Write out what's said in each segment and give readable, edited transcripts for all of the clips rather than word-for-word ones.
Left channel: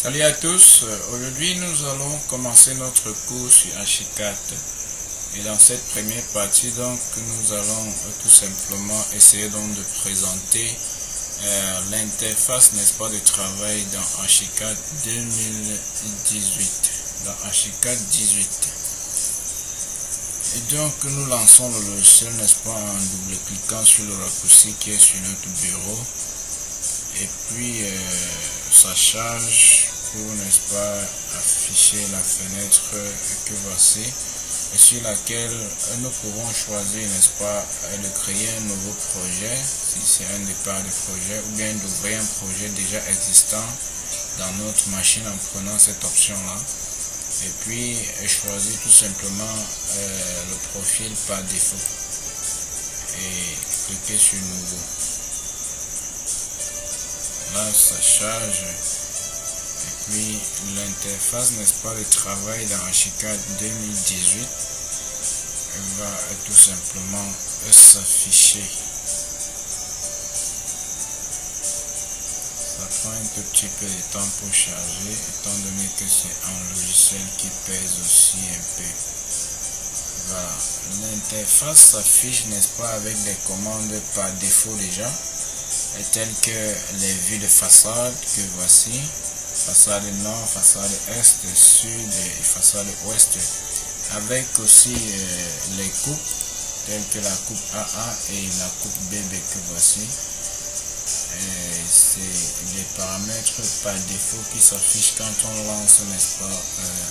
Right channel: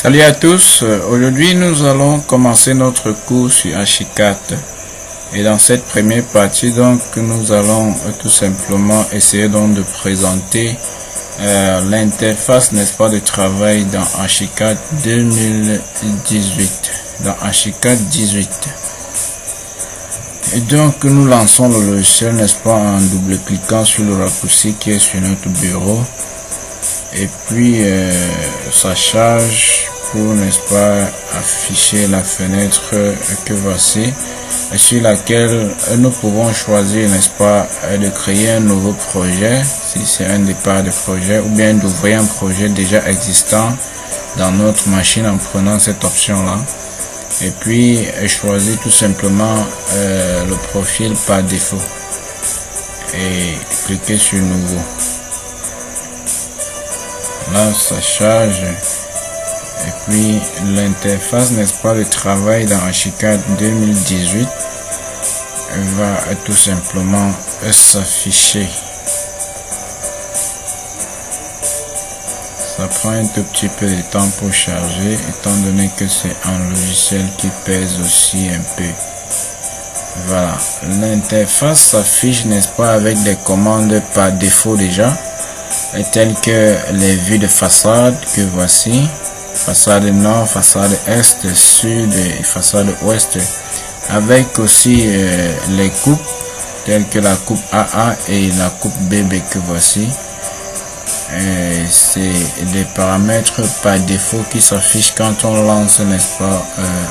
Salut à tous, aujourd'hui nous allons commencer notre cours sur Archicad et dans cette première partie donc nous allons tout simplement essayer donc de présenter l'interface, n'est-ce pas, de travail dans Archicad 2018, dans Archicad 18. Et donc nous lançons le logiciel, n'est-ce pas, en double-cliquant sur le raccourci qui est sur notre bureau. Et puis ça charge pour, n'est-ce pas, afficher la fenêtre que voici, sur laquelle nous pouvons choisir, n'est-ce pas, de créer un nouveau projet si c'est un départ de projet, ou bien d'ouvrir un projet déjà existant dans notre machine en prenant cette option là, et puis choisir tout simplement le profil par défaut et cliquer sur nouveau. Là ça charge et puis l'interface, n'est-ce pas, de travail dans Archicad 2018 va tout simplement s'afficher. Ça prend un tout petit peu de temps pour charger étant donné que c'est un logiciel qui pèse aussi un peu. Voilà, l'interface s'affiche, n'est-ce pas, avec des commandes par défaut déjà, telles que les vues de façade que voici, façade nord, façade est, sud et façade ouest, avec aussi les coupes telles que la coupe AA et la coupe BB que voici. C'est des paramètres par défaut qui s'affichent quand on lance, n'est-ce pas,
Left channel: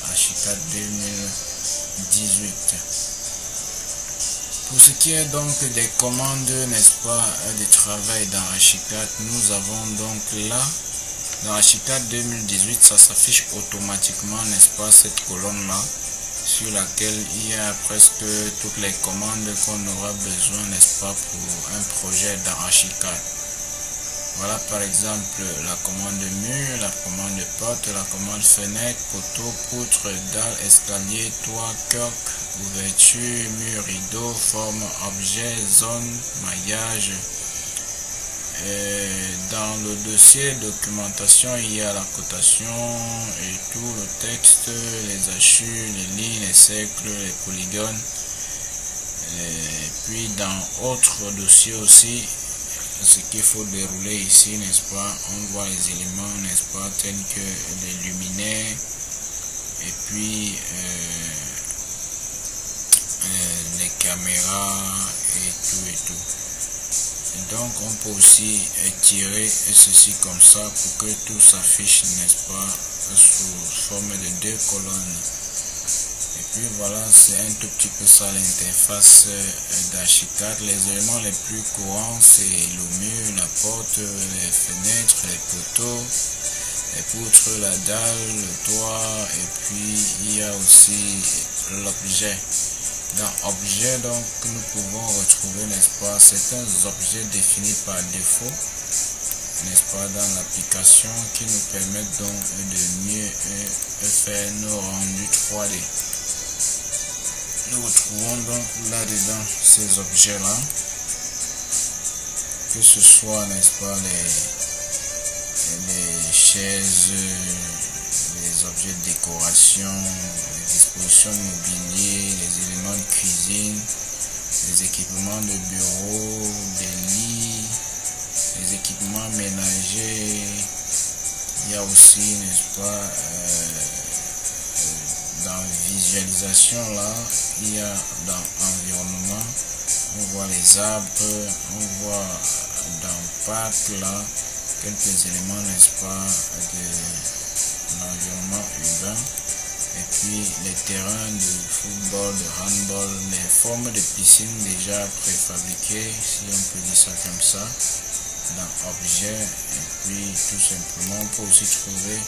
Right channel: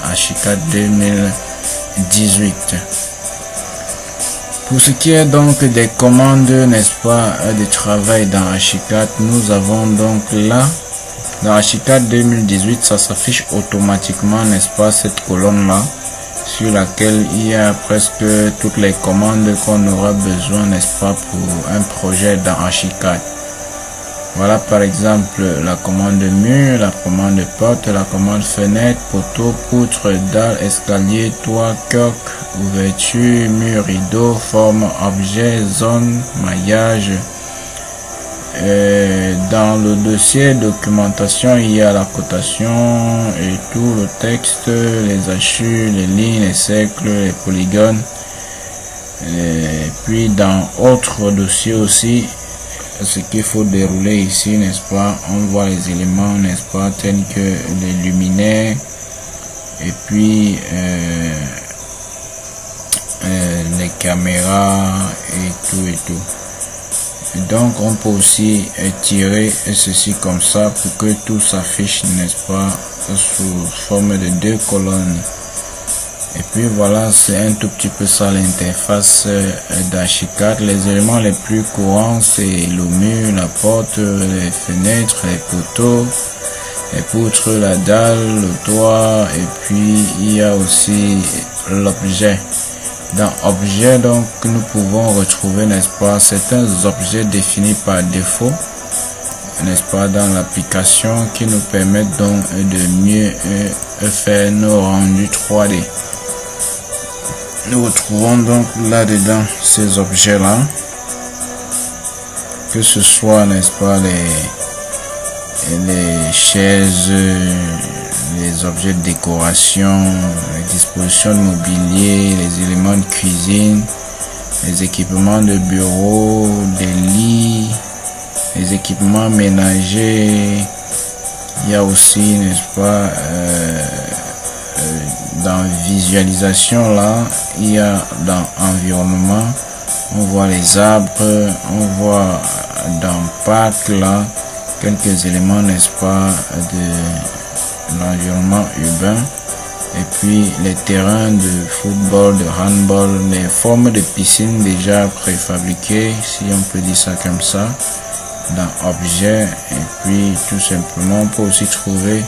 Archicad 2018. Pour ce qui est donc des commandes, n'est-ce pas, de travail dans Archicad, nous avons donc là, dans Archicad 2018, ça s'affiche automatiquement, n'est-ce pas, cette colonne là, sur laquelle il y a presque toutes les commandes qu'on aura besoin, n'est-ce pas, pour un projet dans Archicad. Voilà par exemple la commande mur, la commande porte, la commande fenêtre, poteau, poutre, dalle, escalier, toit, coque, ouverture, mur, rideau, forme, objet, zone, maillage. Dans le dossier documentation, il y a la cotation et tout le texte, les hachures, les lignes, les cercles, les polygones. Et puis dans autre dossier aussi, ce qu'il faut dérouler ici, n'est-ce pas, on voit les éléments, n'est-ce pas, tels que les luminaires et puis les caméras et tout. Et donc on peut aussi tirer ceci comme ça pour que tout s'affiche, n'est-ce pas, sous forme de deux colonnes. Et puis voilà, c'est un tout petit peu ça l'interface d'Archicad. Les éléments les plus courants, c'est le mur, la porte, les fenêtres, les poteaux, les poutres, la dalle, le toit, et puis il y a aussi l'objet. Dans objet, donc, nous pouvons retrouver, n'est-ce pas, certains objets définis par défaut, n'est-ce pas, dans l'application, qui nous permettent donc de mieux faire nos rendus 3D. Nous retrouvons donc là-dedans ces objets-là, que ce soit, n'est-ce pas, les chaises, les objets de décoration, les dispositions de mobilier, les éléments de cuisine, les équipements de bureau, des lits, les équipements ménagers. Il y a aussi, n'est-ce pas, dans visualisation là, il y a dans environnement, on voit les arbres, on voit dans parc là quelques éléments, n'est-ce pas, de l'environnement urbain, et puis les terrains de football, de handball, les formes de piscine déjà préfabriquées, si on peut dire ça comme ça, dans objets. Et puis tout simplement on peut aussi trouver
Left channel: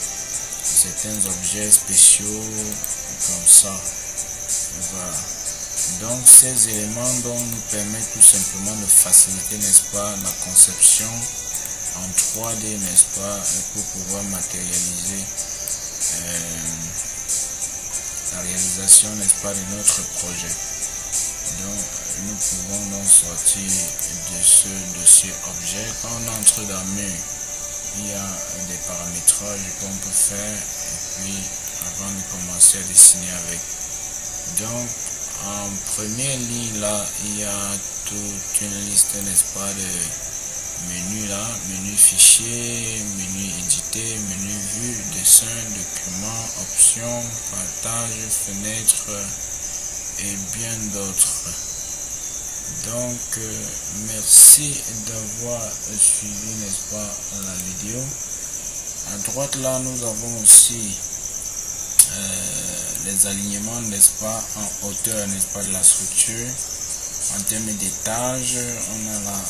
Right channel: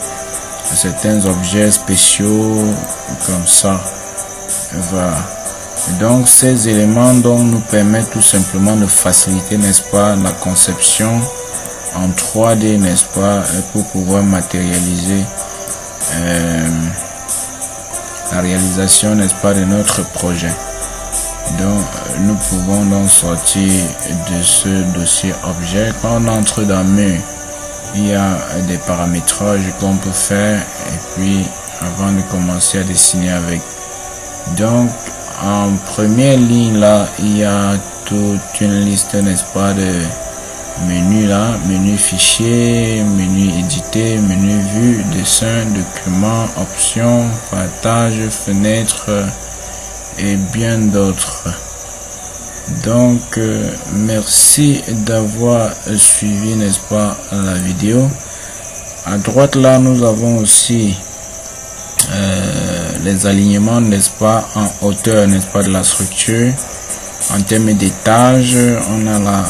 certains objets spéciaux comme ça. Voilà. Donc ces éléments donc nous permettent tout simplement de faciliter, n'est-ce pas, la conception en 3D, n'est-ce pas, pour pouvoir matérialiser la réalisation, n'est-ce pas, de notre projet. Donc nous pouvons donc sortir de ce dossier objet. Quand on entre dans mur, il y a des paramétrages qu'on peut faire et puis avant de commencer à dessiner avec. Donc en première ligne là, il y a toute une liste, n'est-ce pas, de menus là, menu fichier, menu éditer, menu vue, dessin, document, options, partage, fenêtre et bien d'autres. Donc merci d'avoir suivi, n'est-ce pas, la vidéo. À droite là, nous avons aussi les alignements, n'est-ce pas, en hauteur, n'est-ce pas, de la structure. En termes d'étage, on a la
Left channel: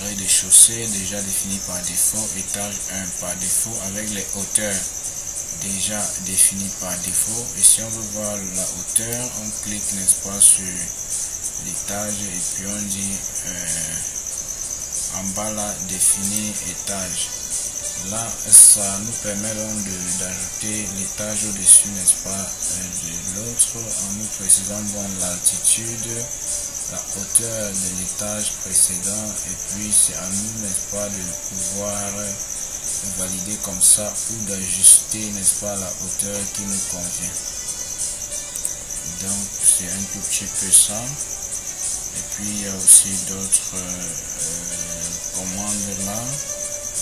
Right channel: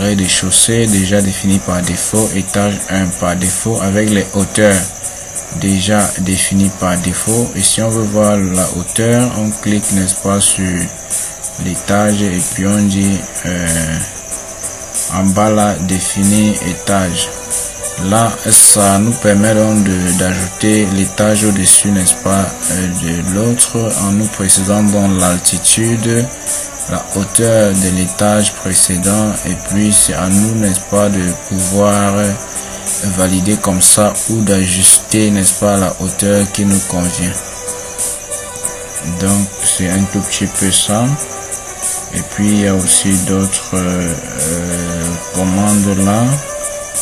rez-de-chaussée déjà défini par défaut, étage 1 par défaut avec les hauteurs déjà définies par défaut. Et si on veut voir la hauteur, on clique, n'est-ce pas, sur l'étage et puis on dit en bas là, définir étage. Là, ça nous permet donc d'ajouter l'étage au-dessus, n'est-ce pas, de l'autre, en nous précisant donc l'altitude, la hauteur de l'étage précédent, et puis c'est à nous, n'est-ce pas, de pouvoir valider comme ça ou d'ajuster, n'est-ce pas, la hauteur qui nous convient. Donc c'est un tout petit peu ça. Et puis il y a aussi d'autres commandes là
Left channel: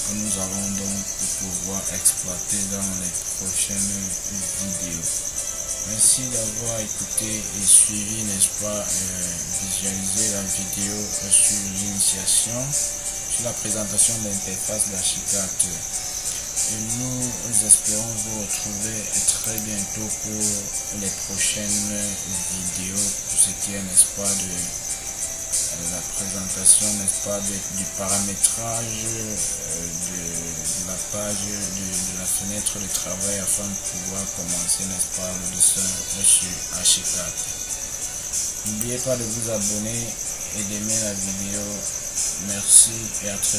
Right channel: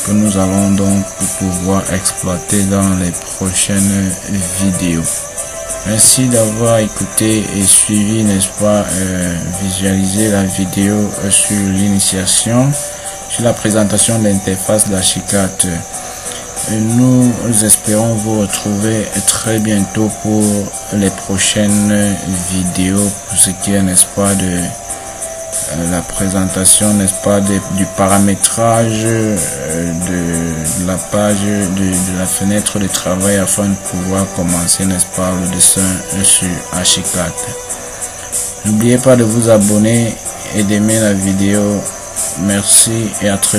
que nous allons donc pouvoir exploiter dans les prochaines vidéos. Merci d'avoir écouté et suivi, n'est-ce pas, visualisé la vidéo sur l'initiation, sur la présentation de l'interface d'Archicad. Nous espérons vous retrouver très bientôt pour les prochaines vidéos, pour ce qui est, n'est-ce pas, de la présentation, n'est-ce pas, du paramétrage de la page de la fenêtre de travail afin de pouvoir commencer, n'est-ce pas, le dessin sur Archicad. N'oubliez pas de vous abonner et d'aimer la vidéo. Merci et à très bientôt.